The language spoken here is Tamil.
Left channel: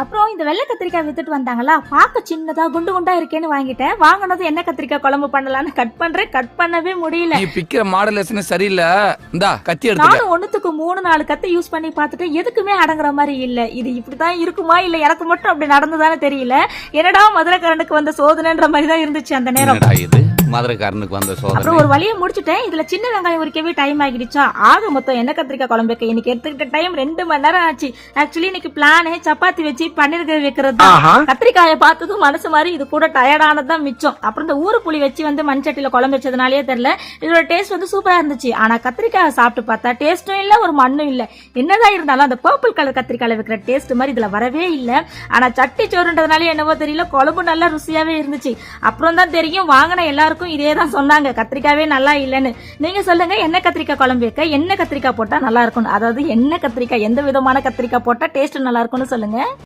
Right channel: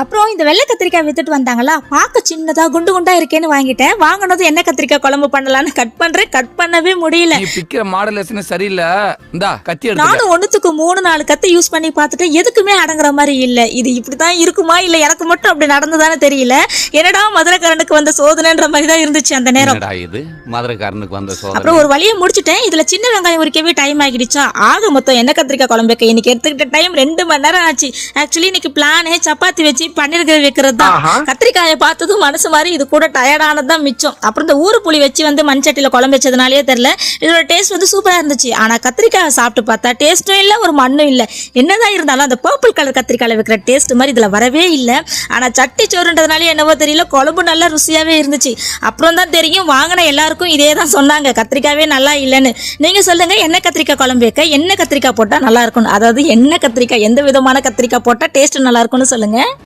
அப்புறம் இந்த வெள்ளை கத்திரிக்காய் வித்துட்டு வந்தாங்களா, பார்க்க சின்னதா குண்டு குண்டா இருக்கேன்னு வாங்கிட்டேன். வாங்கினது என்ன கத்திரிக்காய் குழம்பு பண்ணலான்னு கட் பண்றேன், கட் பண்ணவே முடியல. நீ பிக்கிற மாடலேஷன் சரியில்லை. இந்தா கத்தி எடுத்துக்க. நானும் ஒண்ணுத்துக்கு 3-4 கத்தி யூஸ் பண்ணி பார்த்துட்டு எதுக்குமே அடங்குற மாதிரி இல்ல. இது இப்படிதான் இருக்குமா இல்ல எனக்கு மட்டும் அப்படி நடந்ததானே தெரியல. என்னடா மதுரைக்காரனுக்கு வந்த சோதனைன்ற மாதிரி தான் இருந்துச்சு அந்த நேரம். இது மதுரைக்காரனுக்கு வந்த சோதனை. அப்புறம் ஒரு வழியை முடிச்சுட்டேன். இதுல சின்ன வெங்காயம் உரிக்கவே டைம் ஆகிடுச்சா. ஆக மொத்தம் என்ன கத்திரிக்காய் குழம்புக்கு இன்னைக்கு எடுத்துக்கிட்ட டைம் 2 மணி நேரம் ஆச்சு. ஆக்சுவலி இன்னைக்கு பிளானே சப்பாத்தி வச்சு பன்னீர் கிரேவி வைக்கிறது தான். கத்திரிக்காயை பார்த்ததும் மனசு மாதிரி இது கூட டயர்டானதான் மிச்சம். அப்புறம் இந்த ஊரு புளி வச்சு வந்து மண்சட்டியில குழம்பு வச்சதுனாலே தெரியல, இதோட டேஸ்ட் வந்து சூப்பரா இருந்துச்சு. ஆனா கத்திரிக்காயை சாப்பிட்டு பார்த்தா டேஸ்டும் இல்ல, ஒரு மண்ணும் இல்ல. என்னதான் இருந்தாலும் அந்த பர்பிள் கலர் கத்திரிக்காயில வைக்கிற டேஸ்ட் மாதிரி இதுல வரவே இல்லை. ஆனா சட்டி சோறுன்றதுனால என்னவோ தெரியல, குழம்பு நல்லா ருசியாவே இருந்துச்சு. அப்புறம் தான் தெரியும் வாங்கின எல்லாருக்கும் இதே தான் சொன்னாங்க, கத்திரிக்காவே நல்லா இல்லைன்னு. நீங்க சொல்லுங்க, என்ன கத்திரிக்காய் குழம்பு வைக்க என்ன கத்திரிக்காய் போட்டா நல்லா இருக்கும், அதாவது என்ன கத்திரிக்காய், எந்த விதமான கத்திரிக்காய் போட்டா டேஸ்ட் நல்லா இருக்கும்னு சொல்லுங்க.